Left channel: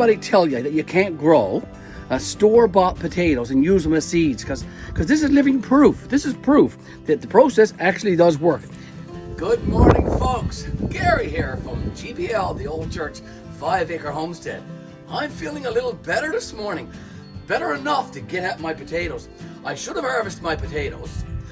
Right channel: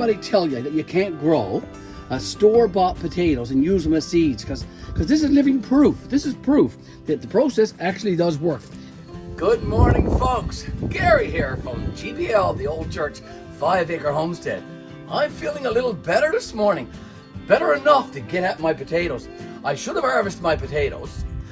anybody tell you that you can't grow store-bought potatoes and use them as seeds, because this is living proof. This is proof that the process actually does work. Good morning, folks. Gary here from GBL, the old church, 5-acre homestead. I'm feeling a little better this morning. Better enough to get at my potatoes. I should have harvested my potatoes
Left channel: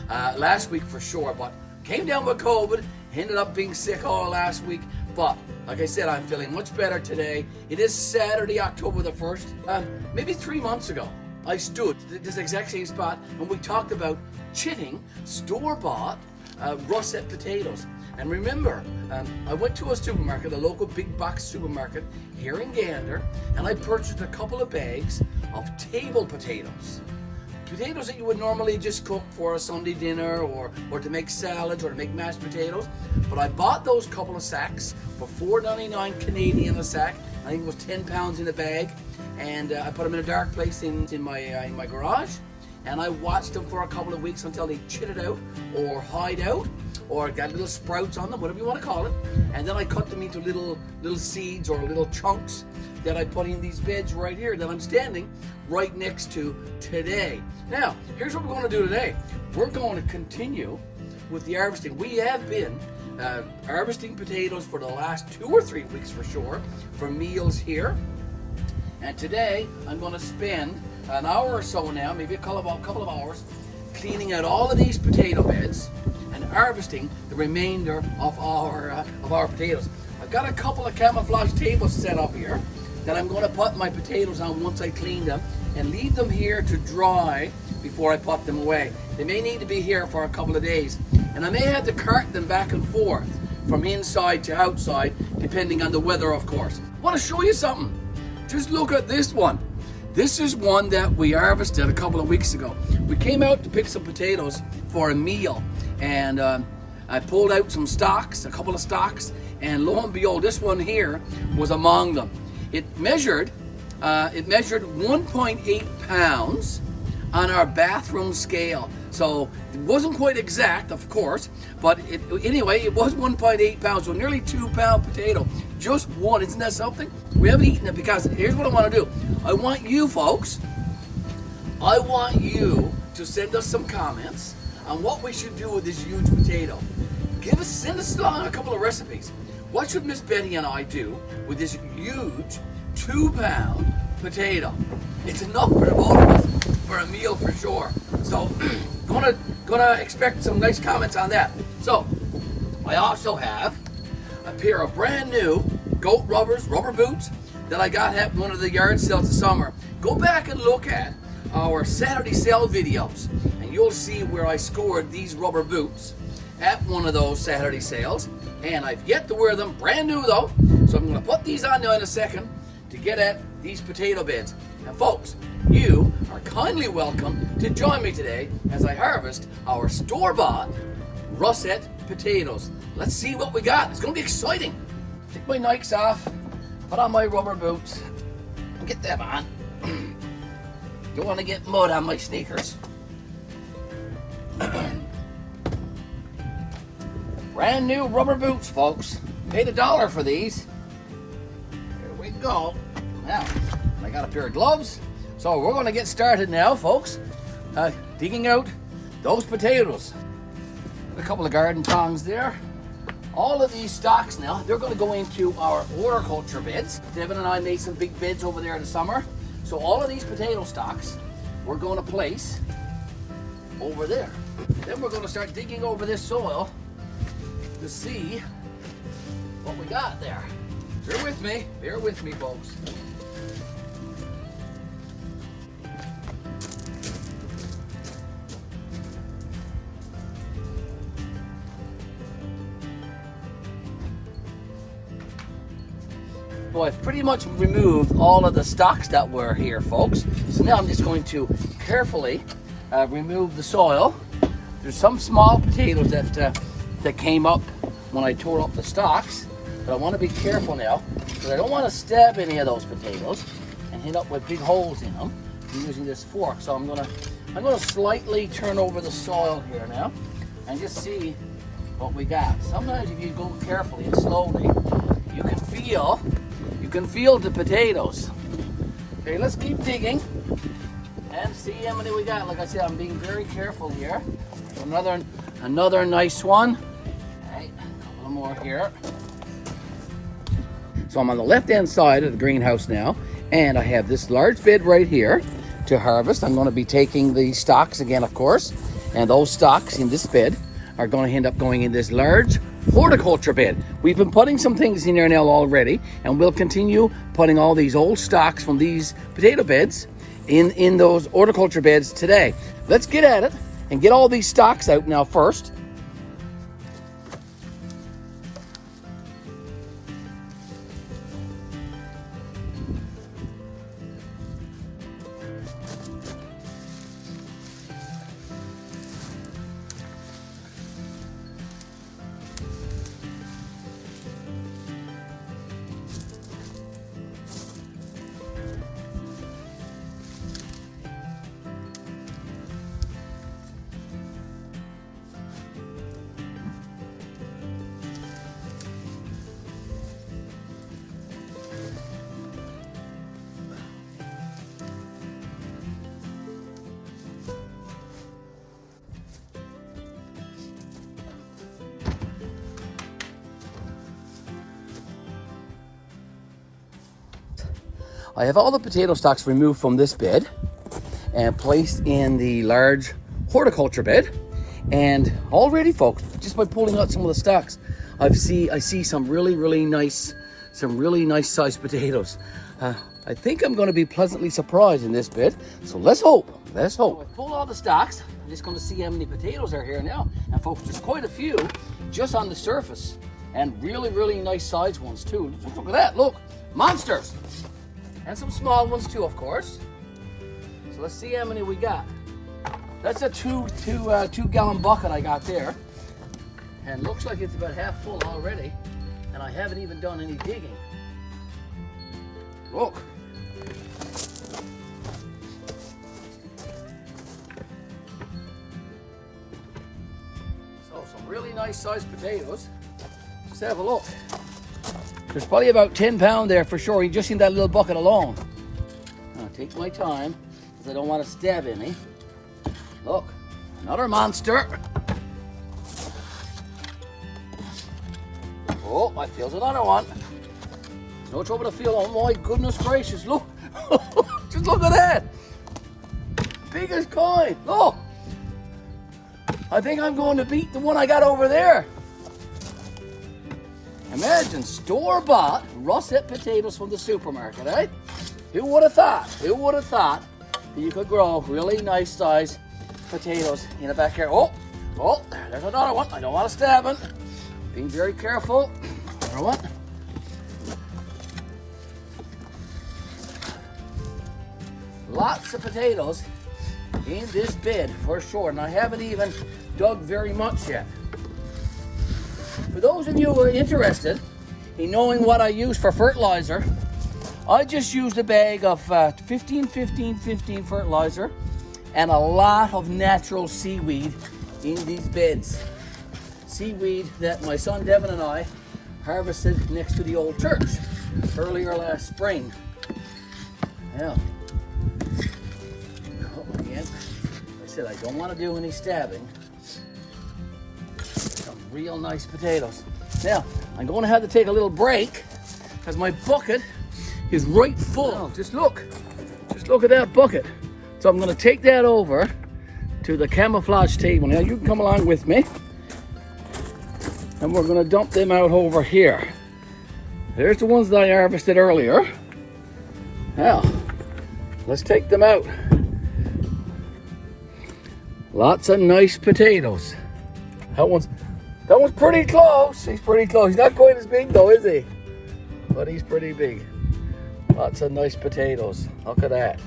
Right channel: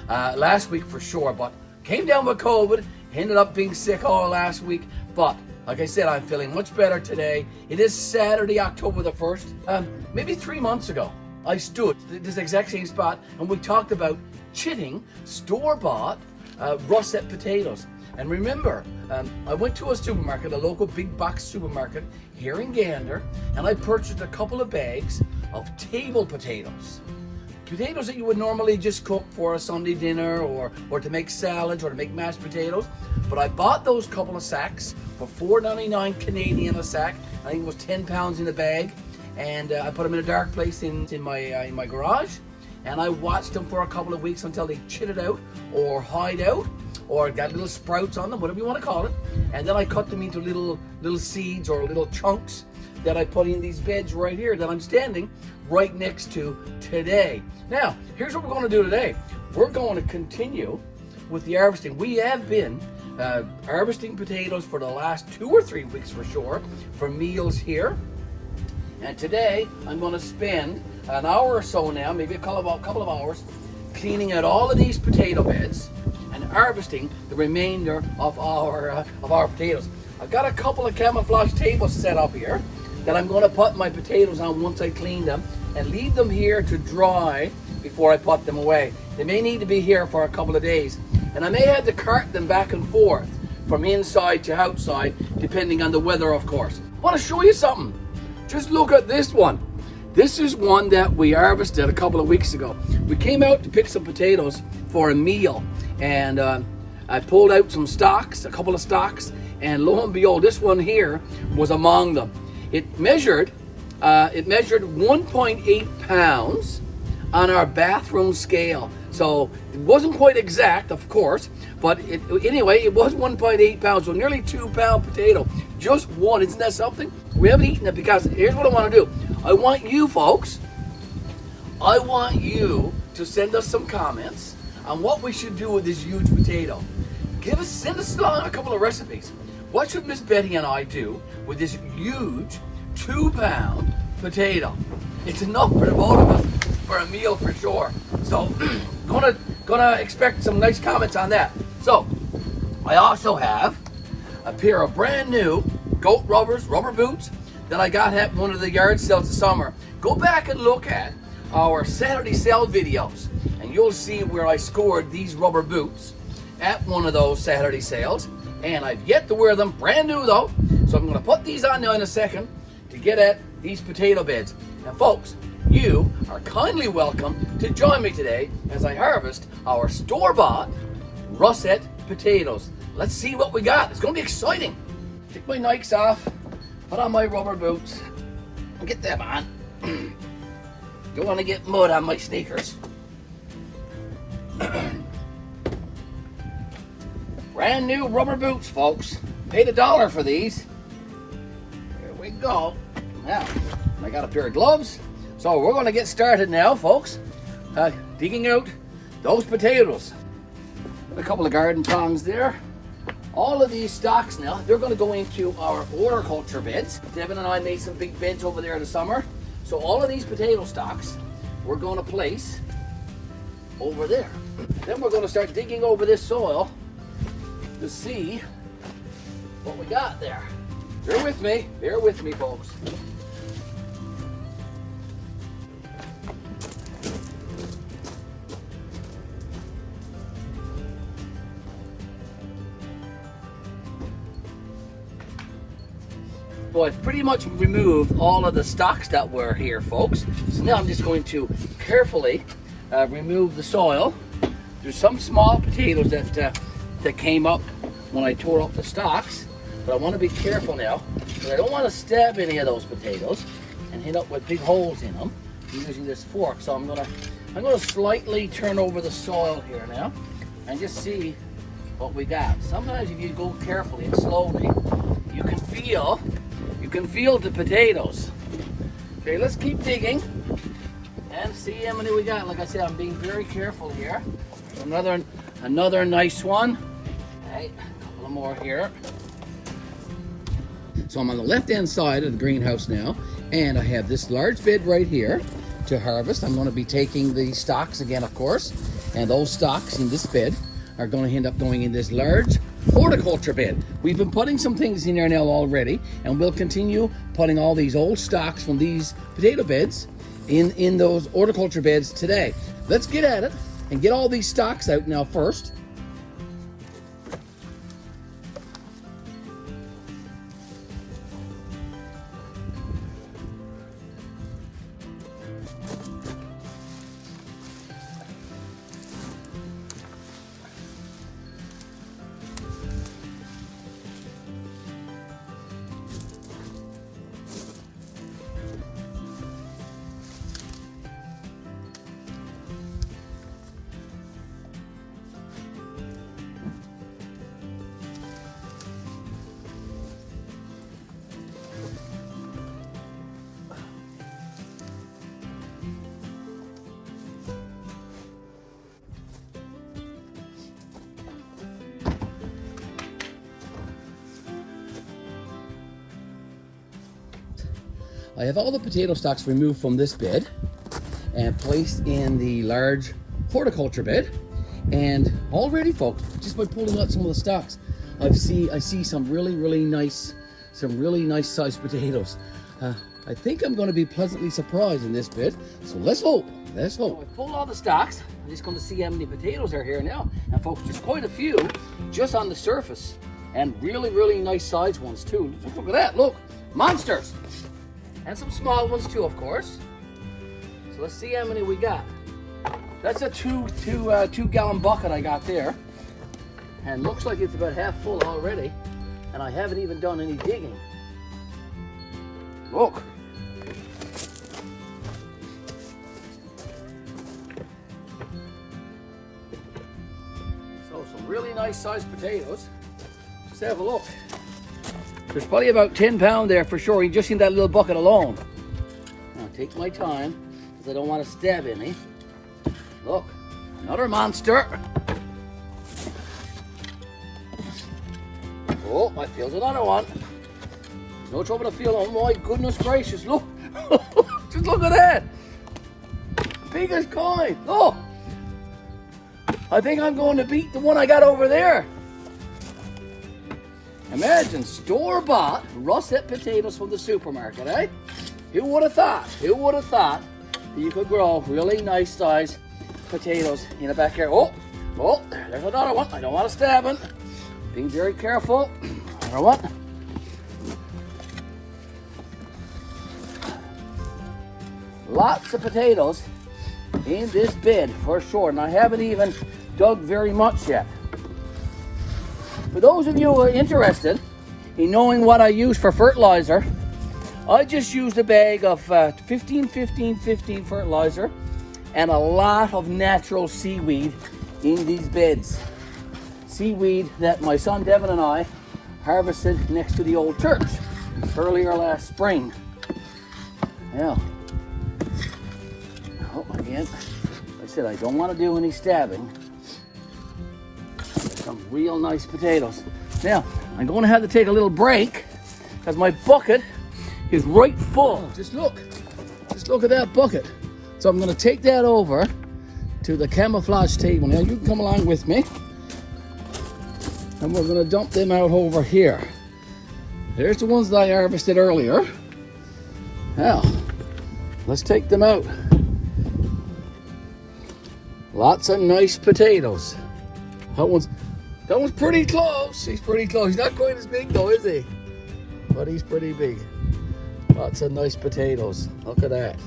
last week for sure, but came down with COVID, ended up being sick all last week. But like I said, I'm feeling much better today. It is Saturday, October the 1st. Maybe 3 months ago, I stood at this exact same spot and we talked about chitting store-bought russet potatoes. And remember, I went to a supermarket, a local big box supermarket here in Gander, and I purchased a couple of bags of table potatoes. Potatoes that you would normally just cook for a Sunday dinner or to make salads or to make mashed potatoes. But I bought those couple of sacks for $4.99 Canadian a sack. I think it was 10 pounds in the bag. And I put them in a dark place in my garage. And I watched them for a couple of weeks until they chitted out or hide out or got little sprouts on them, whatever you want to call it. And then I cut them into little seeds or little chunks that I put in these beds right here that I'm standing right next to today. Now, here's what we're going to do today. We're going to continue with the harvesting. We have been harvesting potatoes for the last 2 or 3 weeks for sure, for meals here. And today, I'm going to spend an hour or so now, maybe a couple of hours, cleaning out all of these potato beds and harvesting the remainder of our potatoes. I've got a couple of camouflage tables set up here that I'm going to put my potatoes on once I clean them and leave them here to dry before I put them away. They may need to be here for a couple of days, and I may have to cart them back and forth from inside to outside depending on the weather, of course. I want to show you something. Just look at this one. This is one that we harvested a couple of weeks ago. We came out to pick some potatoes for a meal, and I pulled out some stalks, a couple of stalks, and lo and behold, this one here was among them. It measured 1.8 pounds on our bathroom scale. So it wasn't quite exact, of course, but anyway, it was 1.8 pounds, so nearly 2 pound potato. Just one, isn't that something? We haven't eaten it because here's what I want to do. I want you folks, I want you to send us some comments on what we should do with this huge potato. Send us along a couple of recipes. What should Miss Betty and I do with this huge 2 pound potato? It's enough for the both of us for a meal for sure. So, gonna expect some nice comments on that. So, I also have a pair of brand new goat rubber boots that I got at one of the yard sales this summer. Go back and look at our Saturday sale videos and you'll see where I scored these rubber boots at one of those Saturday sales. And I've yet to wear them, brand new though. So I'm gonna put these on now in a second to get at these potato beds. Now folks, you are kindly welcome to join me today as I harvest our store-bought russet potatoes. Let's see what we got. It's gonna be exciting. Take my Nikes off, put on my rubber boots, and get them on. Don't want to get mud on my sneakers. Brand new rubber boots, folks. Paid $1 for these. Here we go. Now, I got a pair of gloves. So we're going to get started now, folks. Digging out those potatoes. A couple of garden tongs there. All of these stalks now, they're going to go into our horticulture beds. Devin and I made some big beds over there in the summer. So all of these potato stalks, we're going to place over there. Then we're going to start digging over this soil to see what we got there. Bear with me, folks. Well, I've pretty much removed all of the stalks that were here, folks. So now I'm just going to carefully remove the soil. There's some small potatoes that came up when I tore up the stalks, but I want to be careful now because I don't want to stab any of those potatoes and hit up with big holes in them. I'm using this fork, so I'm gonna slightly turn over the soil here now and just see what we got. Sometimes if you go carefully and slowly, you can feel the potatoes. Okay, let's keep digging and see how many we got. Like I said, I'm being very careful here. Another nice one. Okay, a little more here. So I'm on the left-hand side of the greenhouse now, and I have this large bed right here to harvest. I'm going to be taking the stalks again, of course, and those stalks in this bed are going to end up going in this large horticulture bed. We've been putting some things in there now already, and we'll continue putting all these old stalks from these potato beds in those horticulture beds today. Let's get at it and get all these stalks out now first. I have all the potato stalks removed from this bed and placed in the large horticulture bed. And already, folks, just by pulling out some of the stalks, I see some really nice sized potatoes. I think I'm going to be pleasantly surprised in this bed. So let's hope. So I pulled all the stalks. I'm just going to see how many potatoes are here now. And folks, there's quite a few just on the surface, and really nice sized ones too. Look at that! Look, monsters. And some small ones too, of course. So let's see how many we got. That's a two gallon bucket I got there. And looks like it's about half full already. And I haven't even done any digging. Look. So some really nice sized potatoes. Just have a look. There's probably about 10 pounds there for sure, just in that little bucket alone. I'll take my time, because I don't want to stab any. Look, another monster. Oh, I feel another one. No trouble to feel, oh my goodness gracious, look. Just look at that. Big as coin, oh. I think I'm going to beat the one I got over there. Imagine store-bought russet potatoes from the supermarket, eh? Who would have thought? Who would have thought that you could grow really nice sized potatoes in the backyard? Oh, there's another one. I don't want to stab it. Being very careful. Another one. Lots of potatoes in this bed for sure, and I haven't even dug very much yet. For those of you who are interested in knowing what I use for fertilizer, I just used a bag of 15-15-15 fertilizer and a lot of natural seaweed in these beds. Seaweed that my son Devin and I harvested next to the old church earlier last spring. Now, again, I said I don't want to do any stabbing. Some real nice potatoes. Now, I'm going to have to take a little break because my bucket is right full. Oh, just look at that bucket. So I'm going to take that over to the camouflage table. Now you can come along with me, and we're going to dump them out over here. There's the ones that I harvested earlier. Now, let's take them out. Lots of nice potatoes. That one's pretty close. He's pretty close. He's not quite as big though, is he? But he's pretty big. Lots of nice potatoes. Look at that.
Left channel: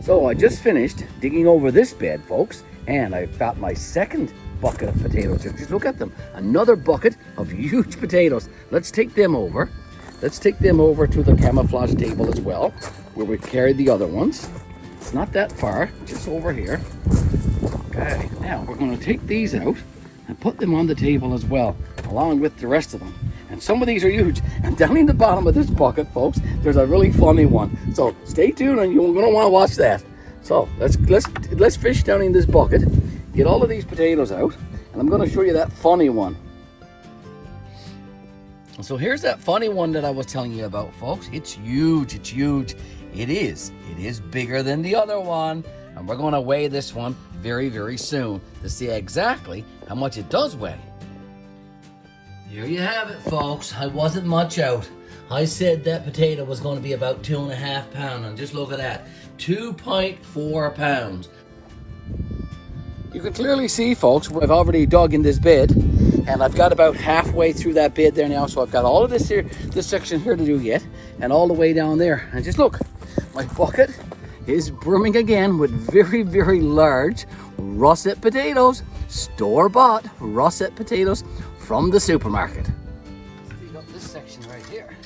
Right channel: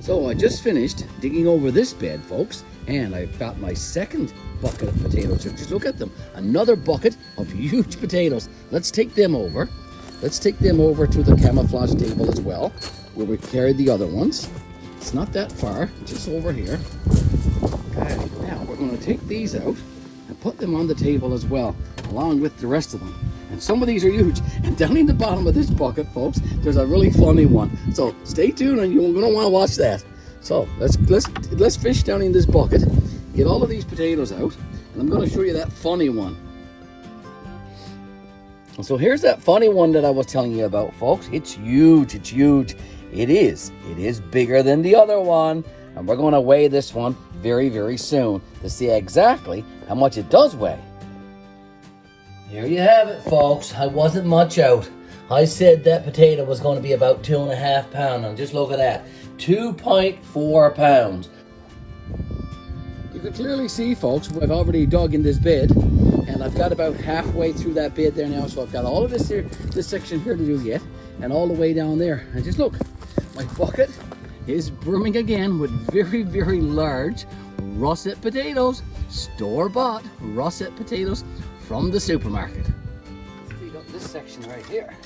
So I just finished digging over this bed, folks, and I've got my second bucket of potatoes. Just look at them. Another bucket of huge potatoes. Let's take them over. Let's take them over to the camouflage table as well, where we carried the other ones. It's not that far, just over here. Okay, now we're going to take these out and put them on the table as well, along with the rest of them. And And some of these are huge. And down in the bottom of this bucket, folks, there's a really funny one. So stay tuned, and you're gonna want to watch that. So let's fish down in this bucket, get all of these potatoes out, and I'm gonna show you that funny one. And so here's that funny one that I was telling you about, folks. It's huge, it's huge. It is bigger than the other one. And we're gonna weigh this one very, very soon to see exactly how much it does weigh. Here you have it, folks. I wasn't much out. I said that potato was going to be about 2.5 pounds, and just look at that, 2.4 pounds. You can clearly see, folks, I've already dug in this bed, and I've got about halfway through that bed there now, so I've got all of this here, this section here to do yet, and all the way down there. And just look, my bucket is brimming again with very, very large russet potatoes, store-bought russet potatoes from the supermarket. We've got this section right here.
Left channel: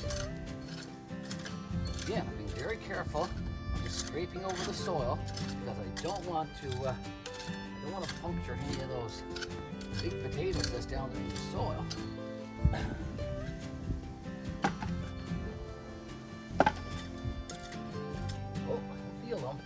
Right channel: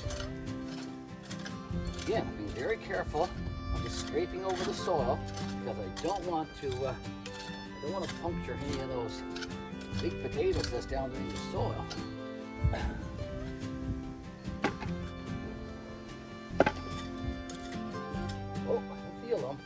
Again, I'm being very careful. I'm just scraping over the soil because I don't want to puncture any of those big potatoes that's down there in the soil. Oh, I feel them.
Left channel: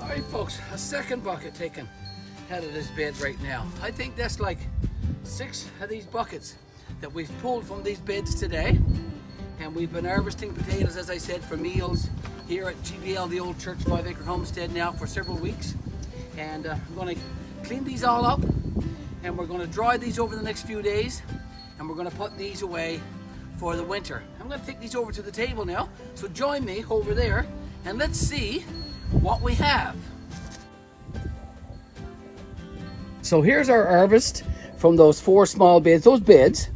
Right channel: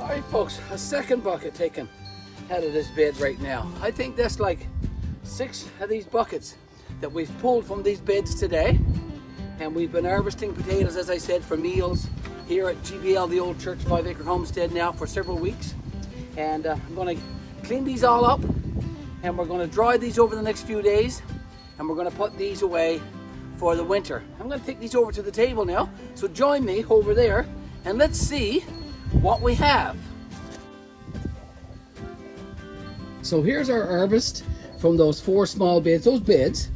All right, folks, a second bucket taken out of this bed right now. I think that's like 6 of these buckets that we've pulled from these beds today. And we've been harvesting potatoes, as I said, for meals here at GBL, the old church 5-acre homestead now for several weeks. And I'm gonna clean these all up, and we're gonna dry these over the next few days, and we're gonna put these away for the winter. I'm gonna take these over to the table now, so join me over there, and let's see what we have. So here's our harvest from those 4 small beds. Those beds,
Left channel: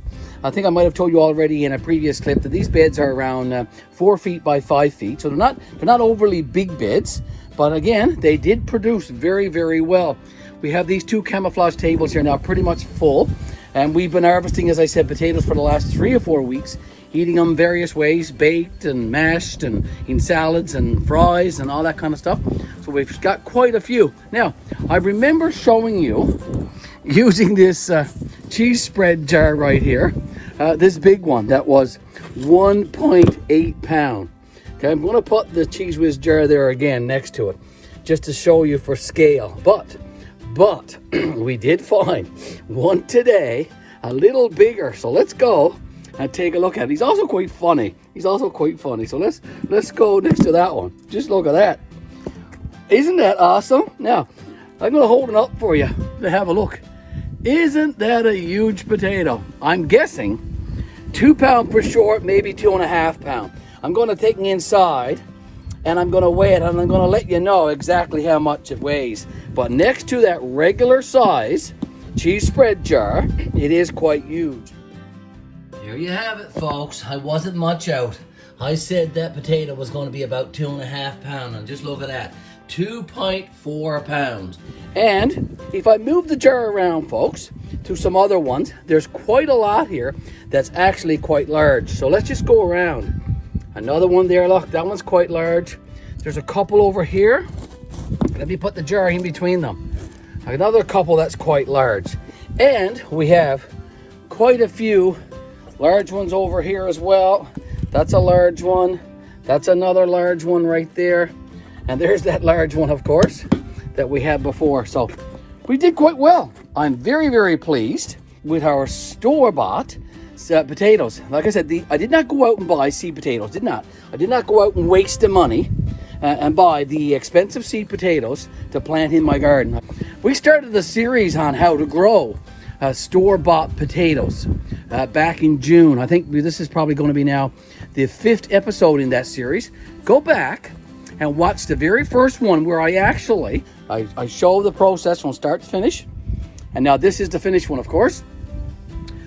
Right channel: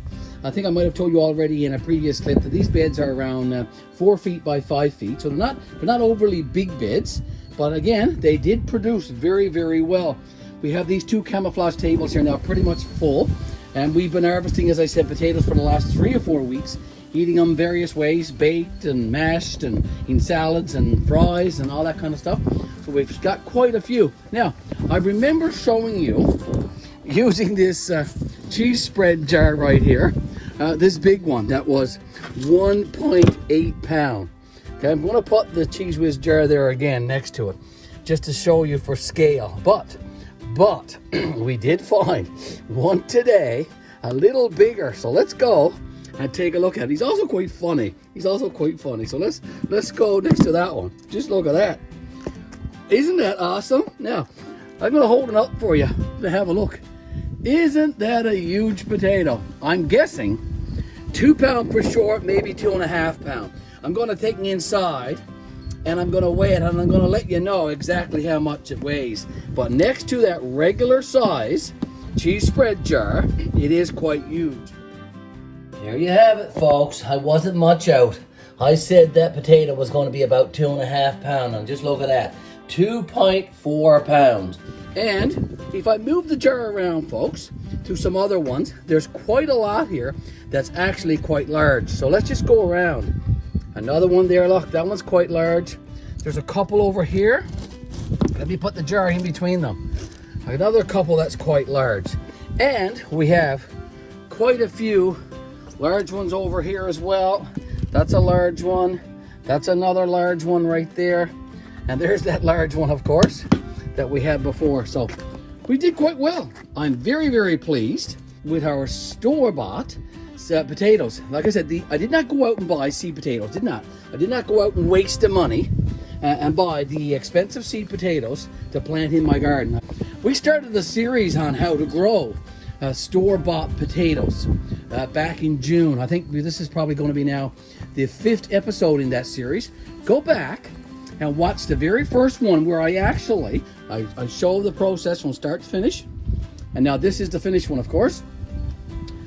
I think I might have told you already in a previous clip that these beds are around 4 feet by 5 feet. So they're not overly big beds, but again, they did produce very, very well. We have these 2 camouflage tables here now pretty much full, and we've been harvesting, as I said, potatoes for the last 3 or 4 weeks, eating them various ways, baked and mashed and in salads and fries and all that kind of stuff. So we've got quite a few. Now, I remember showing you using this cheese spread jar right here, this big one that was 1.8 pound. Okay, I'm going to put the Cheese Whiz jar there again next to it, just to show you for scale. But we did find one today, a little bigger. So let's go and take a look at it. He's also quite funny. So let's go next to that one. Just look at that. Isn't that awesome? Now, I'm going to hold it up for you to have a look. Isn't that a huge potato? I'm guessing 2 pounds for short, maybe 2.5 pounds. I'm going to take it inside and I'm going to weigh it, and I'm going to let you know exactly how much it weighs. But next to that regular size cheese spread jar, it is quite huge. There you have it, folks. I wasn't much out. I said that potato was going to be about 2.5 pounds, and just look at that, 2.4 pounds. And if I move the jar around, folks, to some other ones. There's quite a lot here that's actually quite large. So let's just go around. Another one there, look, that one's quite large. There's a couple over here. Let me put the jar in between them. Another couple that's quite large. And we have quite a few large ones over here as well. That's a large one. That's another large one right there. And there's that large one, of course, that we had before. So we did quite well. I'm very, very pleased with our store-bought potatoes. Like I said, I did not go out and buy seed potatoes. I did not go out and waste the money and buy the expensive seed potatoes to plant in my garden. We started the series on how to grow store-bought potatoes back in June. I think this is probably going to be now the 5th episode in that series. Go back and watch the very first one where I show the process from start to finish. And now this is the finished one, of course.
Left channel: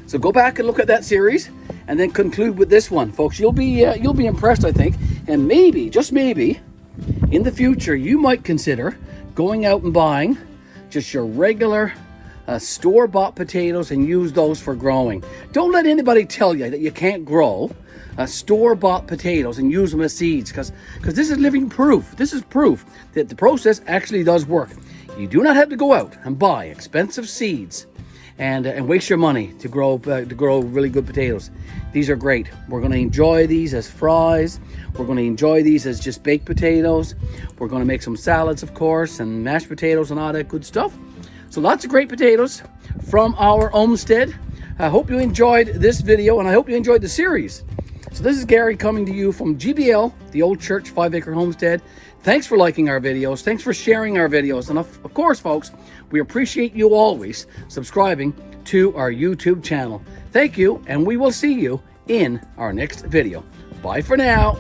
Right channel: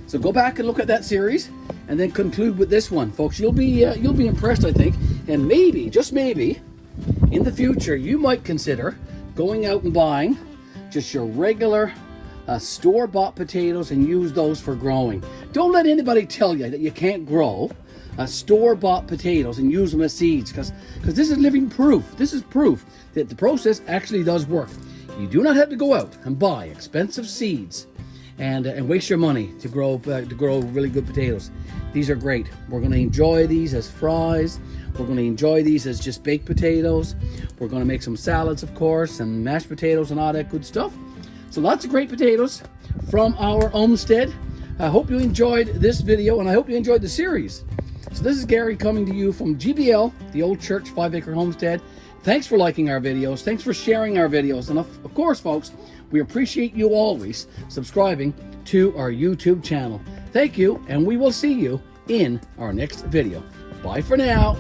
So go back and look at that series and then conclude with this one, folks. You'll be impressed, I think. And maybe, just maybe, in the future, you might consider going out and buying just your regular store-bought potatoes and use those for growing. Don't let anybody tell you that you can't grow store-bought potatoes and use them as seeds, because this is living proof. This is proof that the process actually does work. You do not have to go out and buy expensive seeds and waste your money to grow really good potatoes. These are great. We're going to enjoy these as fries. We're going to enjoy these as just baked potatoes. We're going to make some salads, of course, and mashed potatoes and all that good stuff. So lots of great potatoes from our homestead. I hope you enjoyed this video, and I hope you enjoyed the series. So this is Garry coming to you from GBL, the Old Church 5-acre homestead. Thanks for liking our videos. Thanks for sharing our videos. And of course, folks, we appreciate you always subscribing to our YouTube channel. Thank you, and we will see you in our next video. Bye for now.